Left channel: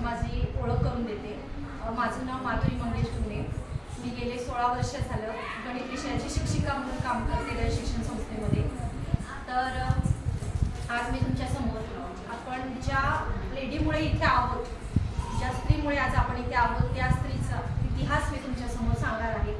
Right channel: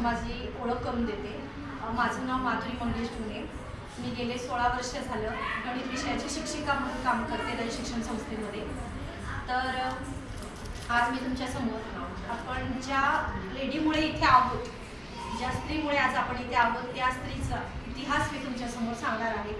माझी ओळख करून देते. माझं नाव माधुरी मंगेश गुणे. मी गेले 16 वर्ष झालं गणित विषयाची शिक्षिका म्हणून काम करते गणित शिक्षण संस्थेमध्ये. तर आज मी तुमच्यासमोर आपण ज्या लेडीमुळे इथे आहोत, ज्या स्त्रीमुळे आज आपण इथे आहोत, त्या स्त्रीचा इतिहास मी तुमच्यासमोर सांगणार आहे.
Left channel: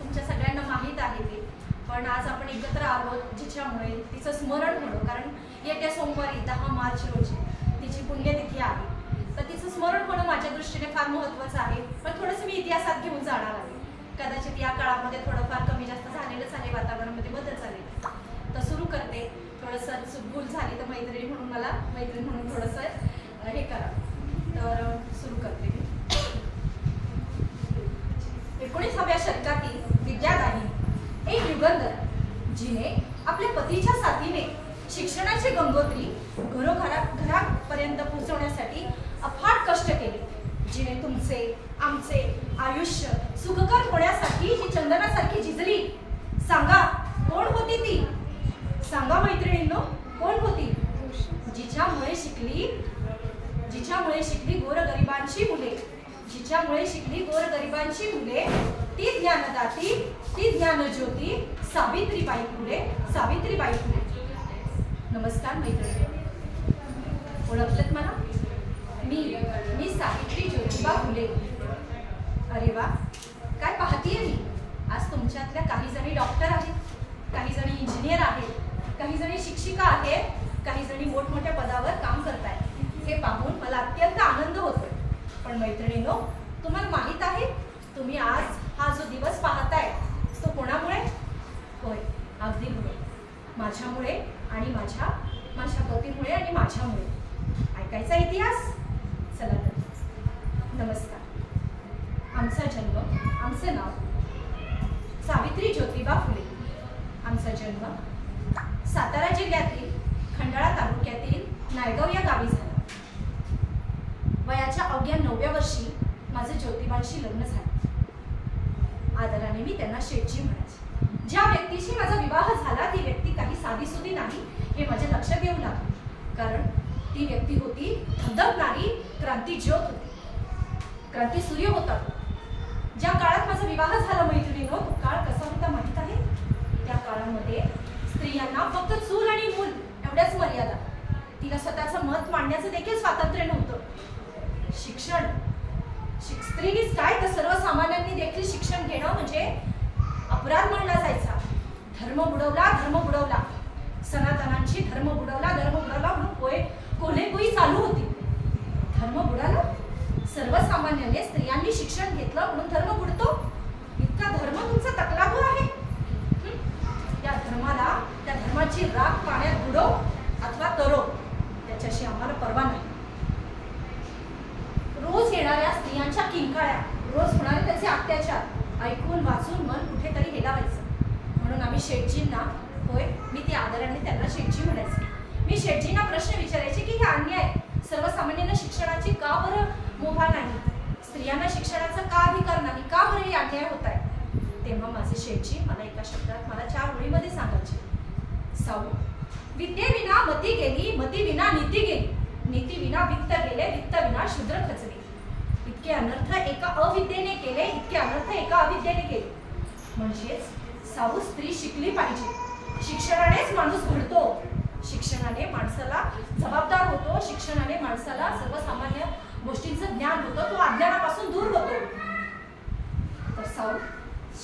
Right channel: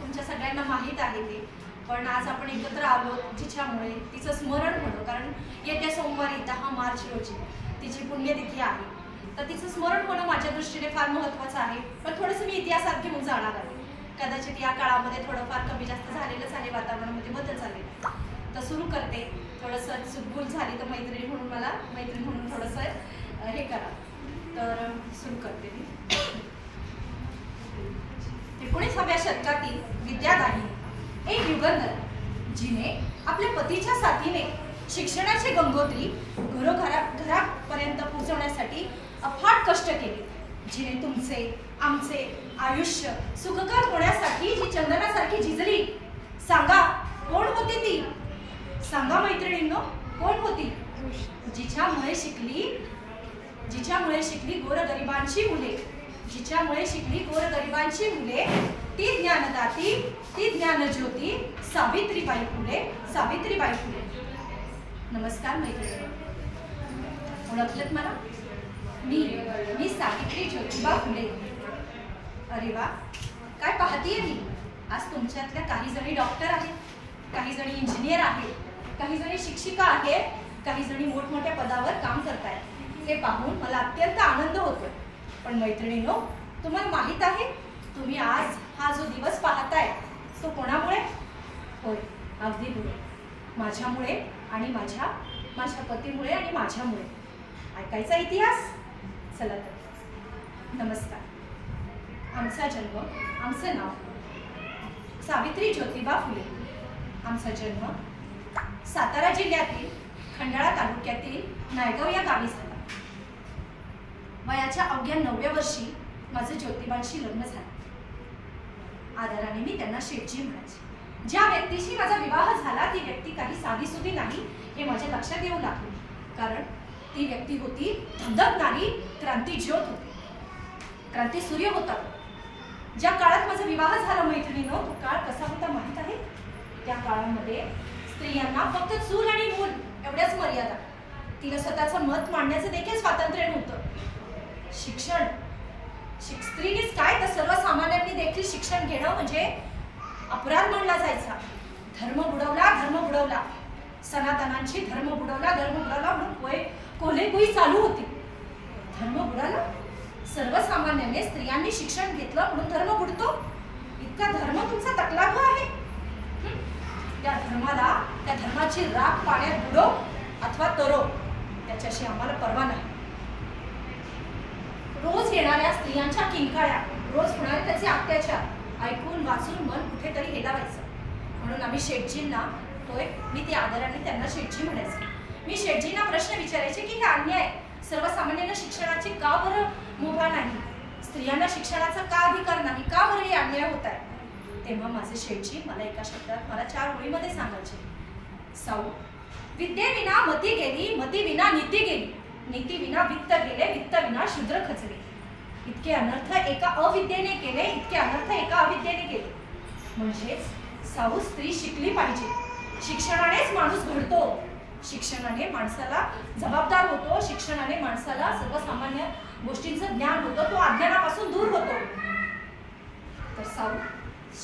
तुमच्या सगळ्यांना माहीत आहे ते, पण आज आपण एकत्र आहोत जिच्यामुळे तिचं स्मरण होणं. कारण येत्या सोमवारी 10 मार्च रोजी तिची पुण्यतिथी आहे. तर तिचं स्मरण होणं माझ्या दृष्टीने फार महत्त्वाचं आहे. पण थोडंसं मी इतिहासात घेऊन जाणार आहे. कदाचित या काळामध्ये थोडंफार कमी जास्त झालेलंच आहे, वातावरणामध्ये बदल झालेला. तर सुरू करते. थोडंसं चुकभूल झाली तर मैत्रिणी म्हणून मला मैत्रीण म्हणून थोडंसं हे करा. तर सुरू करते. 19व्या शतकातील विद्यादायी एक युगंधर जिने आपल्या पतीच्या साथीने शिक्षणाची गंगोत्री घरापर्यंत पोहोचवण्यासाठी अफाट कष्ट केले. जिने तुमचे आमचे आयुष्य सुखकर होण्यासाठी जी चंदनासारखी झिजली. सांगा कोण होती ती? सांगा मैत्रिणींनो, कोण होती? जिच्यामुळे शिकली गोरगरिबांची मुले. जिच्यामुळे शिकली गोरगरिबांची मुले. ती ज्ञानदाती, ती ज्ञानज्योती सावित्रीबाई फुले. सावित्रीबाई फुले. नमस्कार मैत्रिणी, ओळखलत मला? मी सावित्री ज्योतिबा फुले. अरे वा, काय पाहतीये मी? आज तुमच्यातल्या काही जणी डॉक्टर आहेत, काही जणी इंजिनियर आहेत, काही जणी शिक्षिका आहेत, काही जणी मोठमोठ्या पदावर काम करतायत. हे पाहून मला अत्यंत आनंद होतो. पण मैत्रिणींनो, तुम्हाला माहित आहे तुम्ही आज हा जो दिवस पाहताय तो कोणामुळे? होय, अगदी बरोबर, माझ्यामुळे आणि माझ्या पतीमुळे आणि माझ्यामुळे. ऐकायचा इतिहास? चला तर. नमस्कार. आमचा जन्म, आमचं नाव सावित्री ज्योतिबा फुले. आमचा जन्म सातारा जिल्ह्यातील खंडाळा तालुक्यातील नायगाव या गावी झाला. वयाच्या अवघ्या 9व्या वर्षी माझं ज्योतिबांशी लग्न झालं. आदराने मी त्यांना शेठजी म्हणायचे. ज्या व्यक्तीशी माझा विवाह झाला ती व्यक्ती काही साधीसुधी नाही हे माझ्या लक्षात येऊ लागले. कारण ती व्यक्ती होती धगधगणारी क्रांती ज्योत होती, क्रांती सूर्य होता. ज्या काळात माझा विवाह झाला मैत्रिणींनो, तो काळ कसा होता माहित आहे? त्या काळामध्ये स्त्रियांना फक्त चूल आणि मूल एवढ्याच मर्यादा. तिला स्वतःचं मत मांडण्याचं देखील स्वातंत्र्य नव्हतं. शिक्षण स्त्रीनेच काय तर सर्वसामान्यांनी देखील शिक्षण घेणं म्हणजे अपराध मानला जायचा. धर्म बुडवला, सनातनांची धर्म बुडवला म्हणून कोल्हेकुई चालू होती. धर्म बुडाला, सर्वसामान्यांनी स्त्रियांनी शिक्षण घेतलं म्हणून धर्म बुडतो. इतका धर्म तुमचा तकलाभ आहे. त्या धर्माची राख पाण्यात बुडव अथवा तरो, त्याच्याशी आम्हाला पर्वा नाही. रोज येणाऱ्या स्त्रियांच्या किंकाळ्या, रोज होणारे त्याचे अत्याचार ऐकून वाचून मन कुठेतरी हेलावायचं. म्हणून आम्ही शेठजींना, मी ती आदराने त्यांना शेठजी म्हणायचे. मी शेठजींना प्रश्न विचारायचे की हे अन्याय सर्वसामान्यांना शिक्षणाची का बरं मुभा नाही, स्त्रियांना शिक्षणाचा का अधिकार नाही, का बरं हे अन्याय होत आहे? तेव्हा माझे शेठजी मला एका शब्दात मला 4 ओळीमध्ये सांगायचे. साऊ, विद्येविना मती गेली, मती विना नीती गेली, नीती विना वित्त गेले, वित्त विना शूद्र खचले. इतके अनर्थ एका अविद्येने केले, इतके अनर्थ एका अविद्येने केले. म्हणजेच साऊ, स्त्री शिकली पाहिजे. शिक्षणानेच माणूस घडतो, शिक्षणाने माणसाला जबाबदार होतो, शिक्षणाने माणसाला सर्वसामान्य गोष्टींचं ज्ञान होतं, तो अज्ञानापासून दूर होतो. तर साऊ,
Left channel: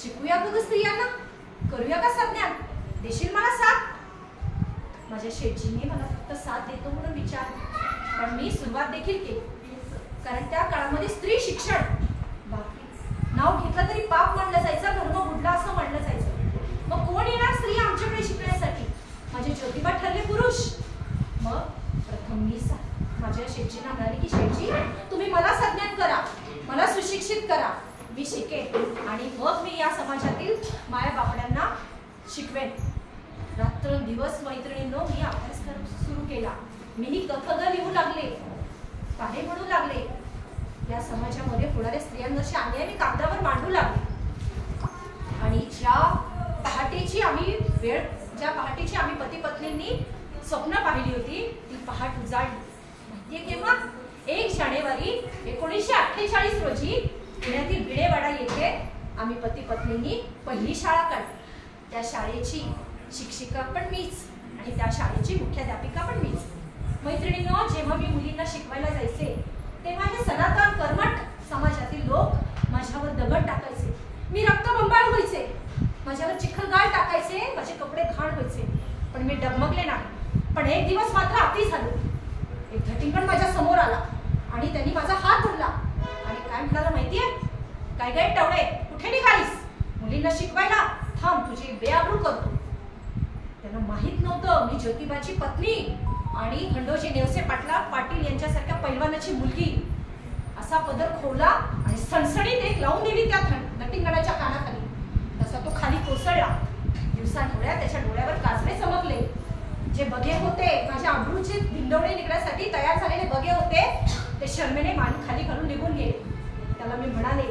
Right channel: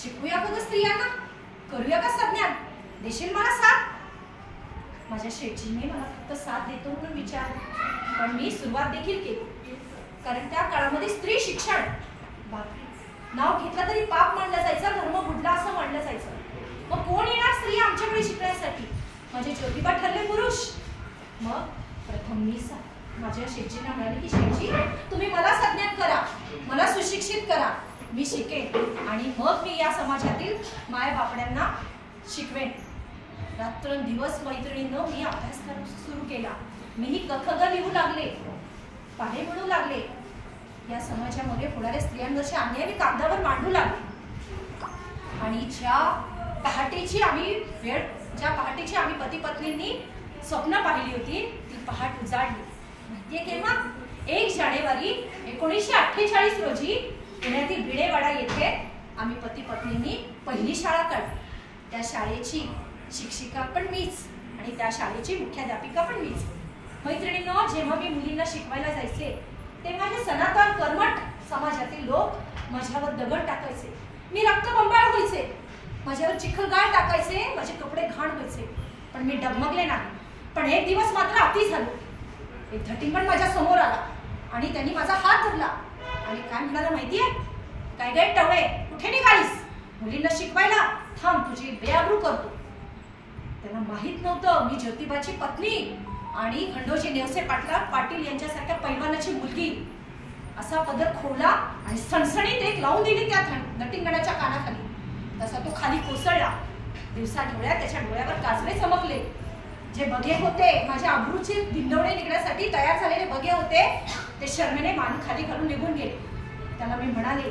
शिकूया का स्त्रियांना? करूया का संज्ञान? देशील मला साथ? माझ्या शेठजीने मला फक्त साथ देतो म्हणून विचारले, पण मी सुरुवात देखील केली. कारण त्या काळामध्ये स्त्री शिक्षण बापरे, नाव घेतलं तरी पाप मानलं जायचं, धर्म बुडला असं मानलं जायचं. मग कोण येणार स्त्री आमच्याकडे शिकण्यासाठी? माझे ज्योतिबा ठरले पुरुष. मग प्रथम मी माझ्या शेठजींना म्हणाले की शेठजी, तुम्ही मला संज्ञान करा, मला सुशिक्षित करा, मी शिकेन आणि मग मी या समाजातील माया बापड्यांना शिकवेन. रात्रंदिवस मैत्रिणींनो मी अभ्यास सुरू केला. मीही कथग लिहू लागले, पाढे म्हणू लागले. या समाजामध्ये होणाऱ्या स्त्रियांवरचे अन्याय मी कागदावर मांडू लागले. आणि ज्या पहाटेची आम्ही पती पत्नींनी स्वप्न पाहिली होती ती पहाट उजाडली. माहितीये केव्हा? 1 जानेवारी 1948 रोजी पुण्यातील भिडेवाडा येथे आम्ही पती पत्नींनी पहिली शाळा काढली. त्या शाळेची शिक्षिका पण मीच आणि त्या शाळेची मुख्याध्यापिका पण मीच. मैत्रिणींनो, जेव्हा मी मुलींना शिकवायला जायचे तेव्हा हे सनातन कर्मठ समाजातील लोक माझ्यावर दगड टाकायचे. मी रक्तबंबाळ व्हायचे, माझ्यावर चिखलगाळ टाकायचे, माझे कपडे घाण व्हायचे, पण मी डगमगले नाही. पण एक दिवस मात्र अति झालो. एक धटिंगण माझ्या समोर आला आणि त्यांनी माझा हात धरला आणि काय म्हणाला माहितीये? काय काय टवळे, कुठे निघालीस? मुलींना शिकवायला? थांब, तुझी बेआबरू करतो. त्यांना माहित नव्हतं मी ज्योतिबाची पत्नी आणि खंडोजी नेवसे पाटील यांच्यासारख्या पैलवानाची मुलगी. असा पदर खोवला आणि सणसणीत एक लावून दिली त्या नटिंगणाच्या कानाखाली. तसा तो खाली कोसळला. दिवसा ढोळ्यात त्याच्या डोळ्यावर काजळे चमकले. जे बघे होते, माझ्या अब्रूचे भिंडवणे निघण्यासाठी तयार झालेले बघे होते, ते शर्मेने मान खाली घालून निघून गेले. त्याला मी म्हणाले,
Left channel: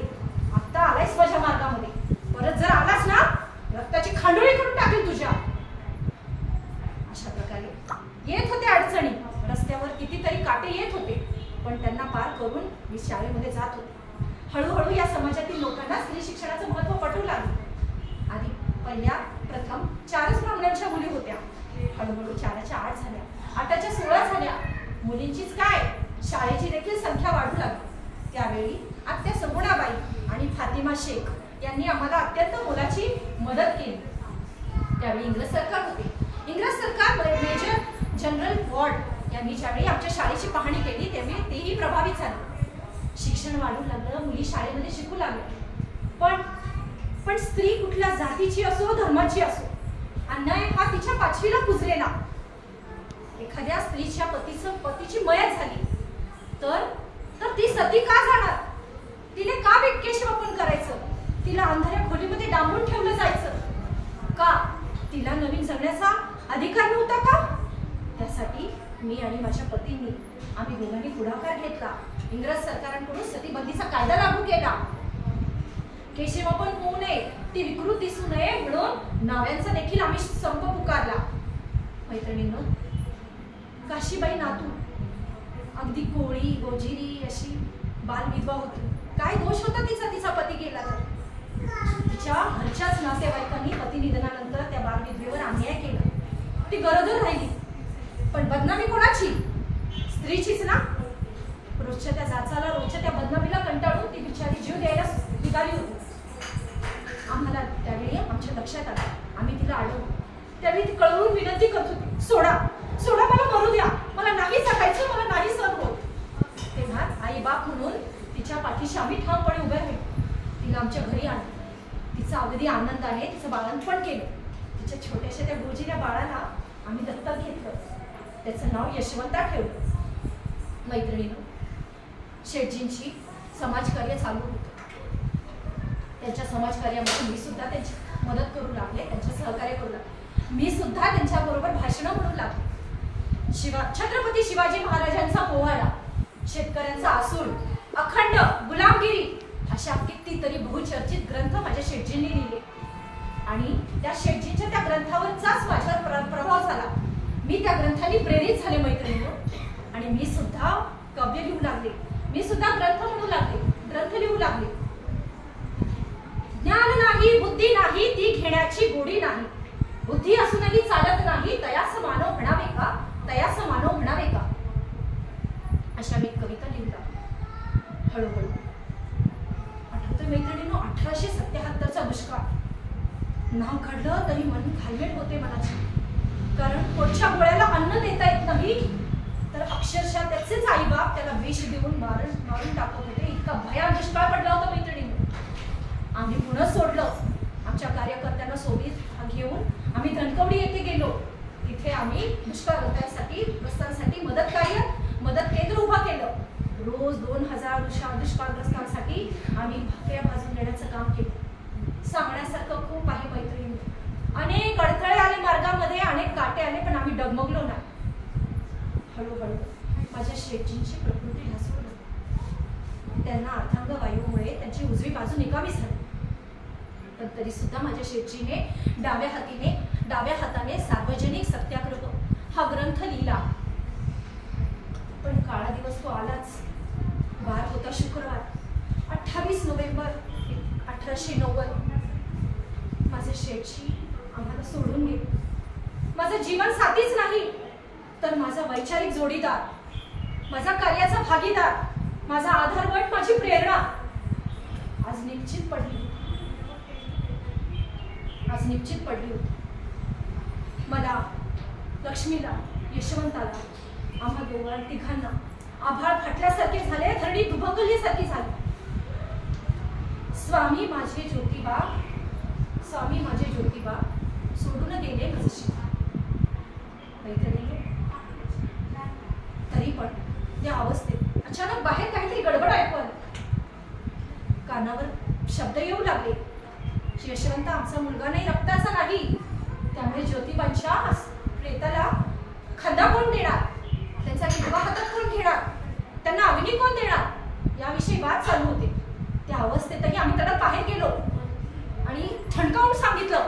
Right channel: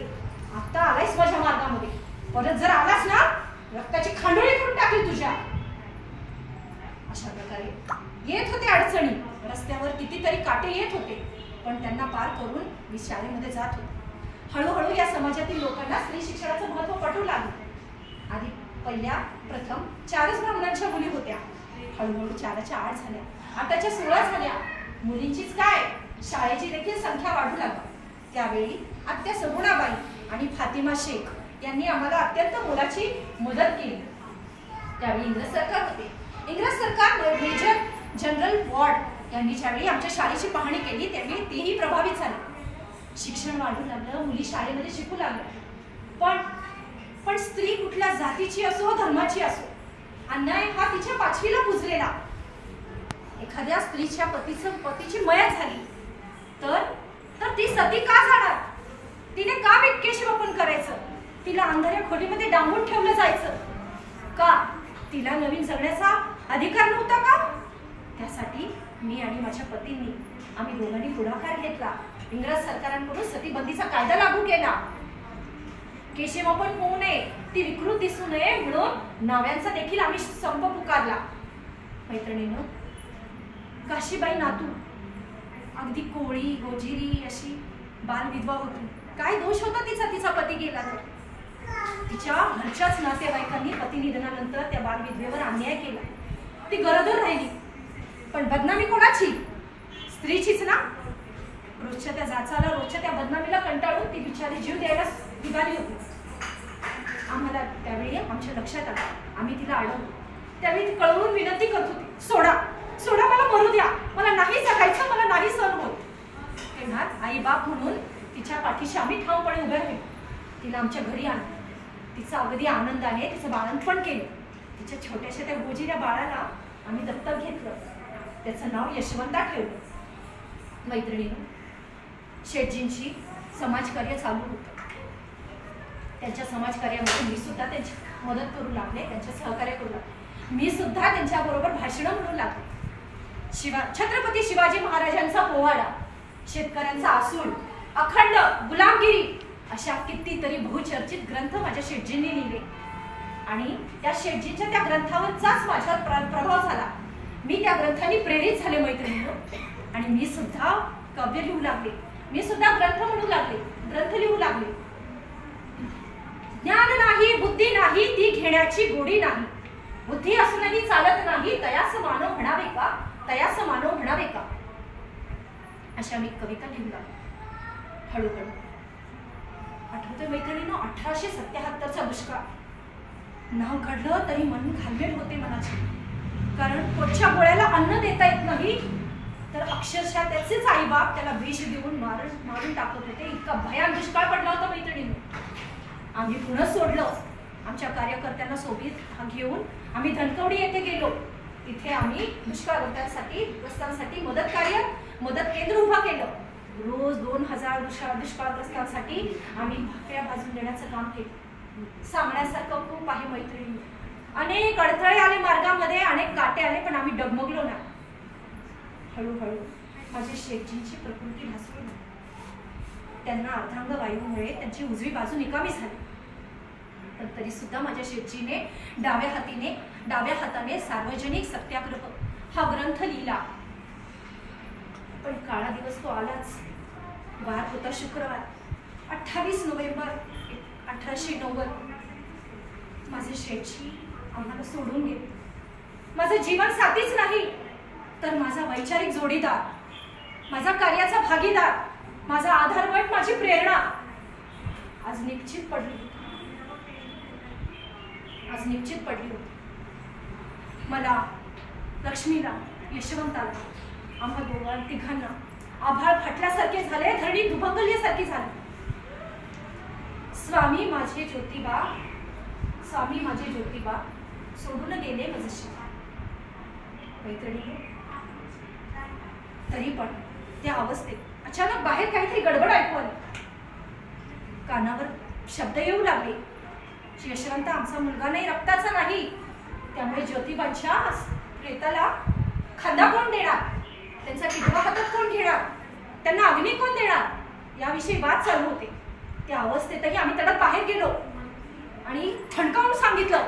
आता आलायस माझ्या मार्गामध्ये, परत जर आलास ना रक्ताची खांडोळी करून टाकेल तुझ्या. अशा प्रकारे येत होते अडचणी. रस्त्यावर कितीतरी काटे येत होते, पण त्यांना पार करून मी शाळेमध्ये जात होते. हळूहळू या समाजातील लोकांना स्त्री शिक्षणाचं महत्त्व पटवू लागले. आधी प्रथम 4च ब्राह्मणांच्या मुली होत्या. हळूहळू 4च्या 8 झाल्या, 8च्या 16 झाल्या. मुलींचीच काय, शाळेची देखील संख्या वाढू लागली. त्यावेळी आत्या सगुणाबाई आणि फातिमा शेख यांनी आम्हाला अत्यंत मोलाची मदत केली. त्यावेळी इंग्रज सरकार होते. इंग्रज सरकार मेजर जनरल वॉर्ड यांनी ज्यावेळी आमच्या शाळेची पाहणी केली त्यावेळी तेही प्रभावित झाले. शिक्षण वाढू लागलं, मुली शाळेमध्ये शिकू लागल्या. पण स्त्री कुठल्या जातीची असो, धर्माची असो, अन्याय हा तिच्या 5वीला पुजलेला. एखाद्या स्त्रीच्या पतीची मयत झाली तर ती सती का जाणार? तिने का केशवपन करायचं? तिला अंधाऱ्या खोलीमध्ये डांबून ठेवलं जायचं का? तिला नवीन जगण्याचा अधिकार नव्हता का? त्यासाठी मी आणि माझ्या पतींनी आम्ही दोघांनी पुढाकार घेतला. इंग्रज सरकारांकडून सतीबंदीचा कायदा लागू केला. केशवपन होऊ नये, ती विकृत दिसू नये म्हणून नाव्यांचा देखील आम्ही संप पुकारला. मैत्रिणींनो, काशीबाई नातू अगदी कोळी गोजिरी अशी बालविधवा होती. काय दोष होता तिचा पती गेला तर? तिच्या घरच्याच नातेवाईकांनी पती निधनानंतर त्या बालविधवेवर अन्याय केला. ती गरोदर राहिली, पण बदनामी कोणाची? स्त्रीचीच ना. रोजच्या त्या जाचाला, रोजच्या त्या बदनामीला कंटाळून ती बिचारी जीव द्यायला निघाली होती. आम्हाला त्यावेळी आमच्या लक्षात आलं. आम्ही तिला अडवलं. त्यावेळी ती कळवून विनंती करत होती, सोडा सोडा, मला मरू द्या, मला नाही जगायचं, मला नाही सहन होत. तेव्हा आई बाप म्हणून तिच्या पाठीशी आम्ही ठामपणे उभे राहिलो. तिला आमच्या घरी आणलं. तिचं अगदी आनंदाने तिचं बाळंतपण केलं. तिच्या छोट्याशा त्या गोजिऱ्या बाळाला आम्ही दत्तक घेतलं. त्याचं नाव यशवंता ठेवलं. मैत्रिणींनो, शेठजींची समाजकार्य चालू होतं. त्यांच्या समाजकार्यामध्ये मी सुद्धा त्यांची मदत करू लागले, त्यांचे सहकार्य करू लागले. मी सुद्धा त्यांच्याबरोबर भाषणं म्हणू लागले. छत्रपती शिवाजी महाराजांचा पोवाडा, शेतकऱ्यांचा आसूड, अखंड, गुलामगिरी अशा कितीतरी बहुचर्चित ग्रंथ माझ्या शेठजींनी लिहिले आणि त्या शेठजींच्या त्या ग्रंथावरचाच माझ्यावर प्रभाव झाला. मी त्या ग्रंथांनी प्रेरित झाले मैत्रिणींनो, आणि मी सुद्धा काव्य लिहू लागले. मी सुद्धा ग्रंथ म्हणू लागले, ग्रंथ लिहू लागले. ज्ञान नाही, बुद्धी नाही, ती घेण्याची गोडी नाही. बुद्धी असूनही चालत नाही, तयास मानव म्हणावे का, तयास मानव म्हणावे का. अशा मी कविता लिहू लागले. हळूहळू आठवतोय मैत्रिणींनो, 1877चा दुष्काळ. नाव काढलं तरी मन घालमेल होते मनाची. कारण पोटच्या गोळ्याला अन्न देता येत नाही, तर अक्षरशः त्याचेच आई बाप त्याला विष देऊन मारून टाकत होते. इतका भयान दुष्काळ पडला होता मैत्रिणींनो. आम्ही पुन्हा सोडलं. आमच्या कार्यकर्त्यांना सोबत घेऊन आम्ही धनकवडी येथे गेलो. तिथे आम्ही दुष्काळग्रस्तांसाठी मदत केंद्र उभा केलं. रोज 2000 दुष्काळग्रस्तांसाठी आम्ही भाकऱ्या भाजून देण्याचं काम केलं. सांगण्यासारखं खूप आहे मैत्रिणी. अनेक अडथळे आले मार्गामध्ये, अनेक काटे आले, पण आम्ही डगमगलो नाही. हळूहळू माझ्या शेठजींची प्रकृती ढासळली. त्यांना अर्धांग वायूमुळे त्यांची उजवी बाजू निकामी झाली. पण तरी सुद्धा माझ्या शेठजीने डाव्या हाताने सार्वजनिक सत्याग्रह हा ग्रंथ लिहिला. पण काळा दिवस तो आलाच. वार होता शुक्रवार, 28 नोव्हेंबर 1890. माझे शेठजी आम्हाला सोडून गेले. माझं जीवन साथीच नाही तर माझा वैचारिक जोडीदार, माझा कार्याचा भागीदार, माझा आधारवट, माझी प्रेरणा आज निश्चित पडली होती. मला, लक्ष्मीला, यशवंताला, आम्हा तिघांना आभाळ फाटल्यासारखे झाले, धरणी दुभंगल्यासारखी झाली. स्वामी माझे ज्योतिबा सोडून गेले माझे शिव. तरी पण त्या अवस्थेत अचानक बाहेर काहीतरी गडबड ऐकू आली. कानावर शब्द येऊ लागले. यशवंत आमचा मुलगा नाही, रक्ताचा नाही, त्यामुळे ज्योतिबांच्या प्रेताला खंदा कोण देणार, त्यांचा किडवा हातात कोण घेणार, त्यांना अग्नी कोण देणार, याविषयी वाद चालू होते. त्या अवस्थेतही आम्ही त्याला बाहेर गेलो आणि ठणकावून सांगितलं,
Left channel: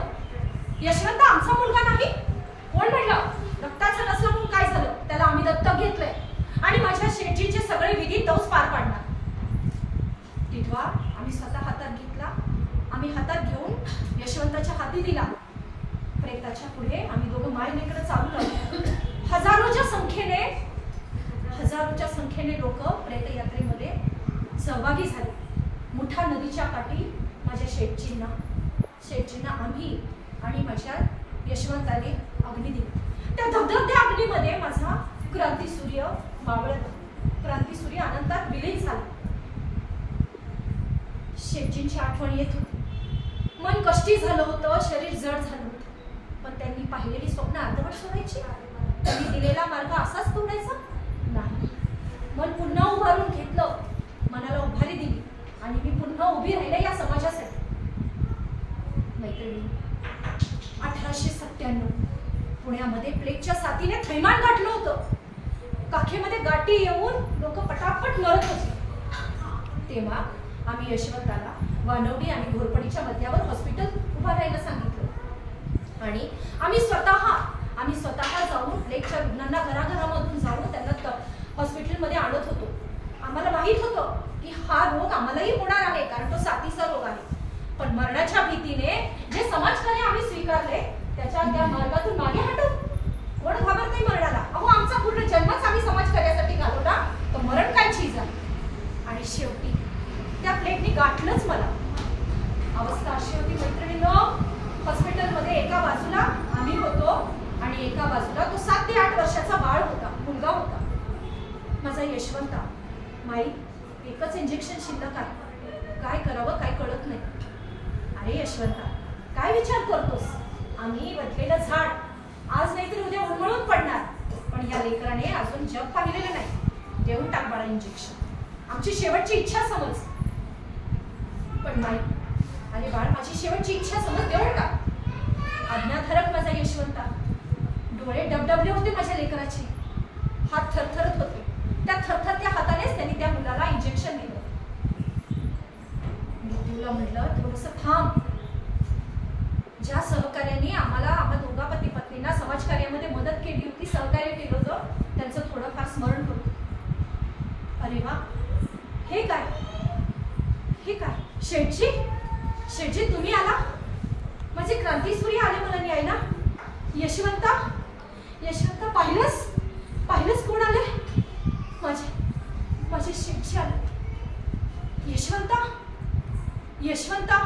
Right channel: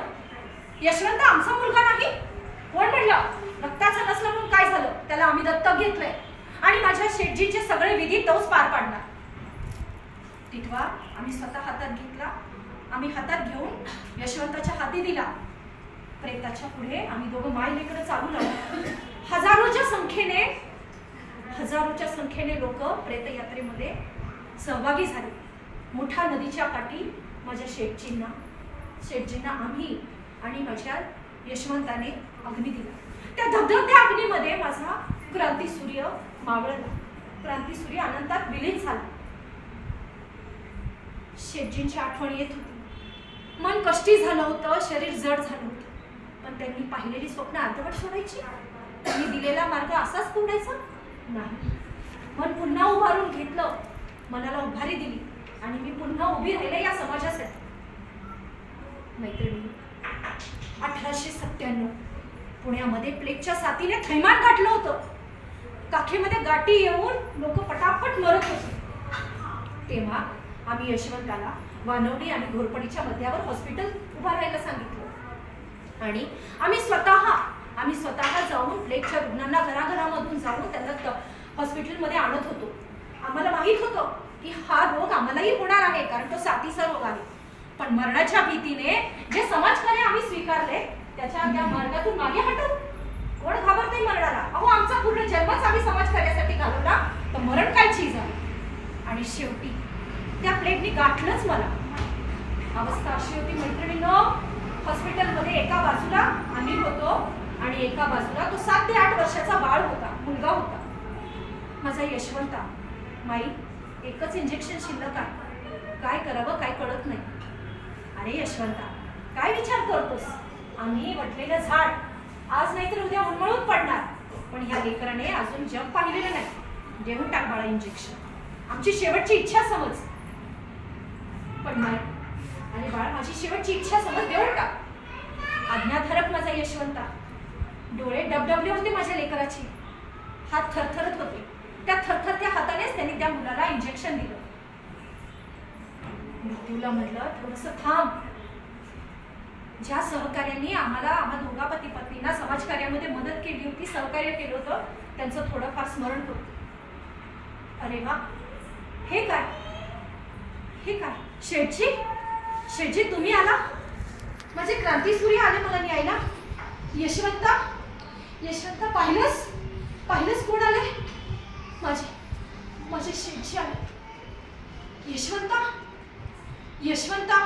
यशवंत आमचा मुलगा नाही. कोण म्हणलं? रक्ताचा नसला म्हणून काय झालं, त्याला आम्ही दत्तक घेतलंय आणि माझ्या शेठजींचे सगळे विधी तोच पार पाडणार. टिटवा आम्ही स्वतः हातात घेतला. आम्ही हातात घेऊन यशवंताच्या हाती दिला. प्रेताच्या पुढे आम्ही दोघं माय लेकरं चालू लागलो. हजारोच्या संख्येने लोक प्रेतयात्रेमध्ये सहभागी झाले. मुठा नदीच्या काठी माझ्या शेठजींना आम्ही आणि माझ्या यशवंताने अग्नी दिला. त्या धगधगत्या अग्नीमध्ये माझा क्रांतीसूर्य मावळला. क्रांतीसूर्य अनंतात विलीन झाला. शेठजींची आठवण येत होती. मन कष्टी झालं होतं, शरीर जड झालं होतं. पण त्यांनी पाहिलेली स्वप्न अर्धवट सोडायची, त्यांनी दिलेला मार्ग असाच तोडायचा नाही. मन पुन्हा उभारून घेतलं, मनाला उभारी दिली आणि मी पुन्हा उभी राहिले या समाजासाठी. मैत्रिणी, 1897 पुण्यामध्ये प्लेगच्या साथीने थैमान गाठलं होतं. काखेमध्ये गाठी येऊन लोक पटापट मरत होते. तेव्हा आम्ही यशवंताला वानवडी आणि घोरपडीच्या मध्यावर हॉस्पिटल उभा राहायला सांगितलं आणि आम्ही स्वतः जाऊन प्लेगच्या रुग्णांना घराघरामधून जाऊन त्यांना हॉस्पिटलमध्ये आणत होतो. आम्हाला माहित होतं की हा रोग आम्हालाही होणार आहे, कारण तो साथीचा रोग आहे. पण मरणाच्या भीतीने जे समाजकार्य आम्ही स्वीकारले त्या मार्गातून मागे हटून कोण घाबरते मरणाला. अहो, आमचा पूर्ण जन्मच आम्ही समाजकार्यासाठी घालवला, तर मरण काय चीज आहे. आणि शेवटी त्या प्लेगने गाठलंच मला. अवस्था अशी होती मैत्रिणींनो, हॉस्पिटलमध्ये एका बाजूला आम्ही होतो आणि एका बाजूला तो 7 ते 8 वर्षाचा मुलगा होता. माझा यशवंता. माई, एकच इंजेक्शन शिल्लक आहे, काय करावं काय कळत नाही. अरे यशवंता, काय विचार करतोस? आम्ही वटलेलं झाड आज नाहीतर उद्या उन्मळून पडणार, पण ह्या लेकराने अजून जग पाहिलेलं नाही. देऊन टाक बाळा इंजेक्शन, आमची शेवटची इच्छा समज. पण नाही, आणि बाळ माझी शेवटची इच्छा समज, देऊन टाक. आज्ञाधारक माझा यशवंता. डोळे डबडबले होते माझ्या लेकराचे, हात थरथरत होते. त्या थरथरत्या हातानेच त्यांनी त्या मुलाला इंजेक्शन दिलं. मृत्यूला म्हटलं, थोडंसं थांब. ज्या सहकार्याने आम्हा दोघा पती पत्नींना समाजकार्यामध्ये मदत केली होती, सहकार्य केलं होतं, त्यांचं थोडंफार स्मरण होतं. अरे वा, हे काय शेठजी तुम्ही आला? माझे क्रांतीसूर्य आले मला न्यायला. यशवंता पाहिलंस कोण आले? माझे शेठजी आले. यशवंता